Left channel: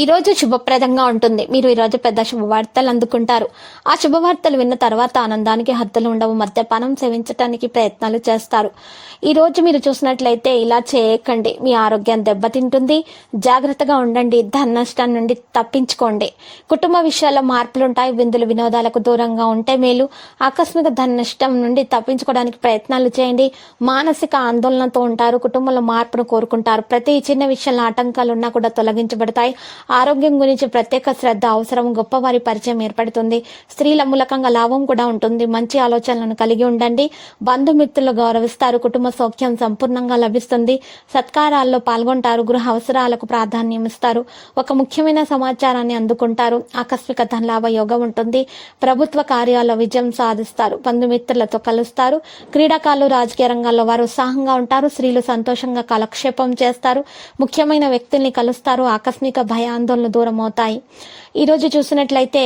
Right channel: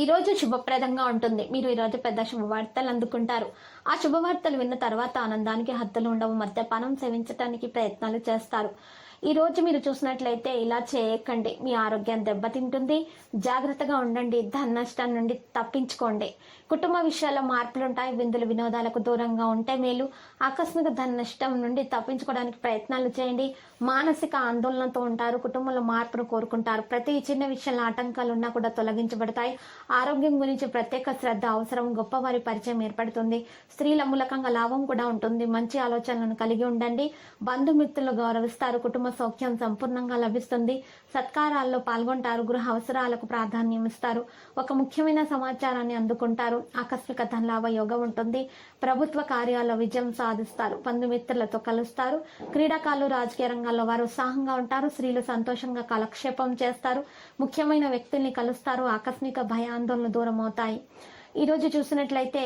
ఈరోజు శుభప్రదంగా ఉంటుంది. మీరు ఈ రోజు పెద్ద శుభవార్తలు అందుకుంటారు. ఆ శుభవార్తలు విన్న తర్వాత ఆనందానికి హద్దులు ఉండవు. మద్యపానం సేవించడానికి ప్రయత్నాలు చేస్తారు. ఈరోజు మీరు చూసినట్లయితే ఇలా చేయకండి. మీ ఆరోగ్యం దెబ్బతింటుంది. జాగ్రత్తగా ఉండండి. ధన నష్టం నుండి తప్పించుకోండి. కుటుంబ విషయాల్లో మార్పులు ఉంటాయి. విందులు వినోదాలకు దూరంగా ఉంటే మేలు. ఆకస్మిక ధన నష్టం నుండి తప్పించుకోవడానికి ప్రయత్నాలు చేయండి. మానసిక ఆందోళనతో ఉంటారు. కుటుంబంలో మార్పును కోరుకుంటారు. ప్రతి చిన్న విషయంలో ఆటంకాలు ఉన్నా కూడా తొలగించబడతాయి. ఆరోగ్యం గురించి ప్రత్యేక శ్రద్ధ అవసరం గొప్పవారి పరిచయం ఏర్పడుతుంది. స్త్రీల మూలకంగా లాభం కూడా ఉంటుంది. మంచి ఆలోచనలను కలిగి ఉండండి. బంధుమిత్రులు గౌరవిస్తారు. కుటుంబ సౌఖ్యం సంపూర్ణంగా లభిస్తుంది. సత్కారాల్లో పాల్గొంటారు. గృహ అవసరాలకు ప్రాధాన్యం ఇస్తారు. ఒక ముఖ్యమైన సమాచారాన్ని అందుకుంటారు. ఆకస్మిక ధనలాభ యోగం ఉంటుంది. ప్రభుత్వ కార్యాల్లో విజయం సాధిస్తారు. బంధుమిత్రులతో కలుస్తారు. క్రీడాకారులు రాజకీయ రంగాల్లో వారు ఉత్సాహంగా ఉంటారు. స్త్రీలు సంతోషంగా కాలక్షేపం చేస్తారు. ముఖ్యమైన వ్యక్తుల్ని కలుస్తారు. ఆకస్మిక ఆందోళన దూరం అవుతాయి ఈరోజు చూసినట్లయితే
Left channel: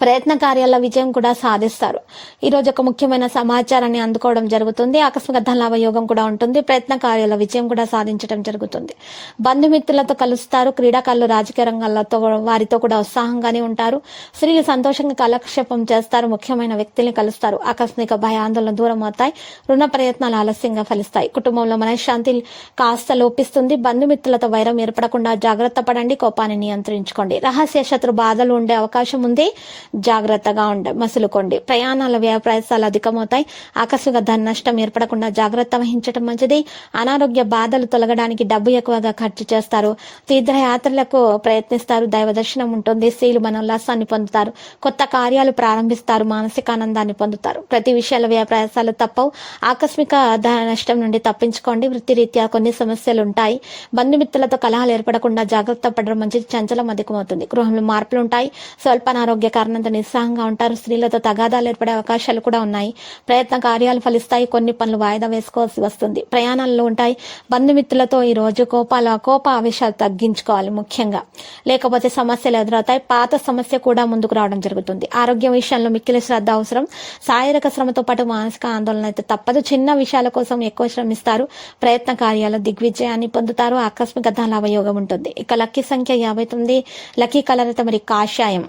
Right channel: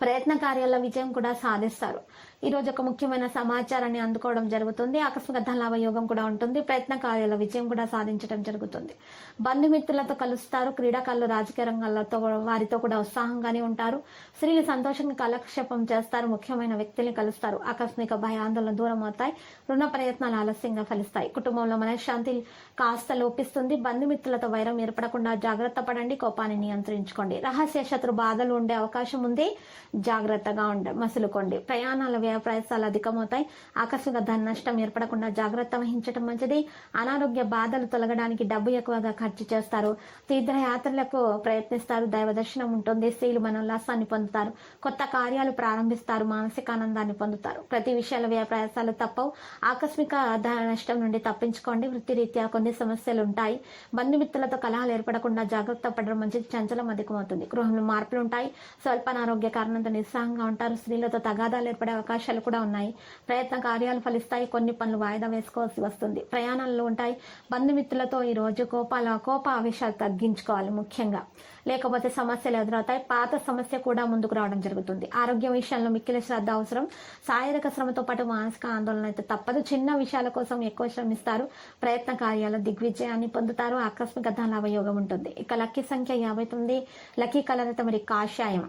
ప్రయత్న కార్యాల విజయం కూడా సాధిస్తారు. ఈరోజు ఒక ముఖ్యమైన సమాచారాన్ని అందుకోవడం జరుగుతుంది. ఆకస్మిక ధనలాభ యోగం కూడా ఉంటుంది. ప్రయత్న కార్యాల విజయం కూడా సాధించడం జరుగుతుంది. బంధుమిత్రులతో కలుస్తారు. క్రీడాకారులు రాజకీయ రంగాలతో వారితో కూడా ఉత్సాహంగానే ఉంటారు. స్త్రీలు సంతోషంగా కాలక్షేపం చేస్తారు. ముఖ్యమైన వ్యక్తుల్ని కలుస్తారు. ఆకస్మిక భయాందోళన దూరం అవుతాయి రుణ ప్రయత్నాలు ఆలస్యంగా ఫలిస్తాయి. కుటుంబంలో మనశ్శాంతి కాస్త లోపిస్తుంది. బంధుమిత్రులతో వైరం ఏర్పడకుండా జాగ్రత్త పడండి. కోపాన్ని నియంత్రించుకోండి. రహస్య శత్రు బాధలు ఉండే అవకాశం ఉంది. జాగ్రత్తగా ఉండ మసులుకోండి. ప్రయాణాల వ్యయ ప్రయాసాలు అధికమవుతాయి. ఆకస్మిక ధన నష్టం ఏర్పడకుండా జాగ్రత్త వహించడం మంచిది. అనారోగ్య బాధలు తొలగడానికి డబ్బు ఎక్కువగా ఖర్చు చేస్తారు. తీర్థయాత్రలకు ప్రయత్నిస్తారు. దైవ దర్శనం ఉంటుంది. స్త్రీలు మనోల్లాసాన్ని పొందుతారు. కొత్త కార్యాలు ప్రారంభిస్తారు. మానసిక ఆనందాన్ని పొందుతారు. ప్రతి విషయాల వ్యయ ప్రయాసాలు తప్పవు. ఆకస్మిక ధన నష్టం నుండి తప్పించుకోండి. వృత్తిరీత్యా కొన్ని సమస్యలు ఉంటాయి. బంధుమిత్రులతో కలహాలు ఏర్పడకుండా జాగ్రత్త పడడం మంచిది. చంచలం అధికమవుతుంది. గృహంలో మార్పులు ఉంటాయి. స్వల్ప అనారోగ్య కారణంతో నిస్సహంగా ఉంటారు. స్త్రీలతో తగాదాలు ఏర్పడే అవకాశాలు కూడా ఉన్నాయి. ప్రయత్న కార్యాలు ఫలిస్తాయి. కొన్ని పనులు వాయిదా వేసుకోవాల్సి వస్తుంది. ప్రయాణాల్లో ఉంటాయి. బంధుమిత్రులతో ఈ రోజు కోపాల కోప ఆవేశాలు తగ్గించుకోవాలి ముఖ్యంగా. లేకపోతే సమస్యలు ఎదురవుతాయి. పాత సమస్య కూడా ముందుకు రావడం జరుగుతుంది. ఆరోగ్యం విషయంలో మిక్కిలి శ్రద్ధ అవసరం. శారీరక శ్రమతో పాటు మానసిక ఆందోళన అయితే తప్పదు. చిన్న విషయాల కోసం ఎక్కువ శ్రమిస్తారు. ప్రయత్న కార్యాలు దిగ్విజయాన్ని పొందుతారు. ఆకస్మిక ధనలాభ ఉంటుంది. ఇక లక్కీ సంఖ్య యాభై తొమ్మిది. లక్కీ కలర్ అయితే మరి కాషాయం.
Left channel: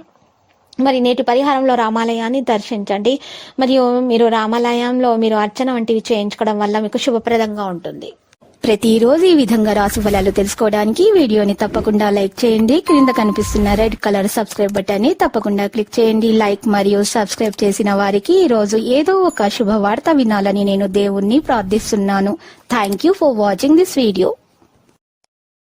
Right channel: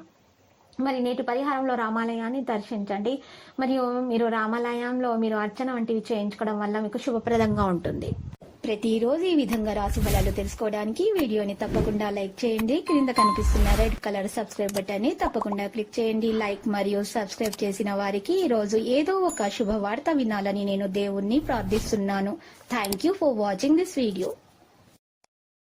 మరి నేటి పరిహారంలో రామాలయాన్ని దర్శించండి. మరియు మీరు రామాలయంలో మీరు అర్చన వంటివి చేయించుకోవడం వల్ల మీకు శుభప్రదంగా ఉంటుంది. ప్రతిరోజు ఈ విధంగా రాసు ఫలాలు తెలుసుకోవడానికి వీడియోని తప్పకుండా లైక్ చేయండి. క్రింద కనిపిస్తున్న రెడ్ కలర్ సబ్స్క్రైబ్ బటన్ని తప్పకుండా క్లిక్ చేయండి. లైక్ మరియు సబ్స్క్రైబ్ చేసిన వారికి ఈ రోజు ఏదో ఒక శుభవార్త వినాలని నేను దేవుణ్ణి ప్రార్థిస్తున్నాను. Thank you for watching this video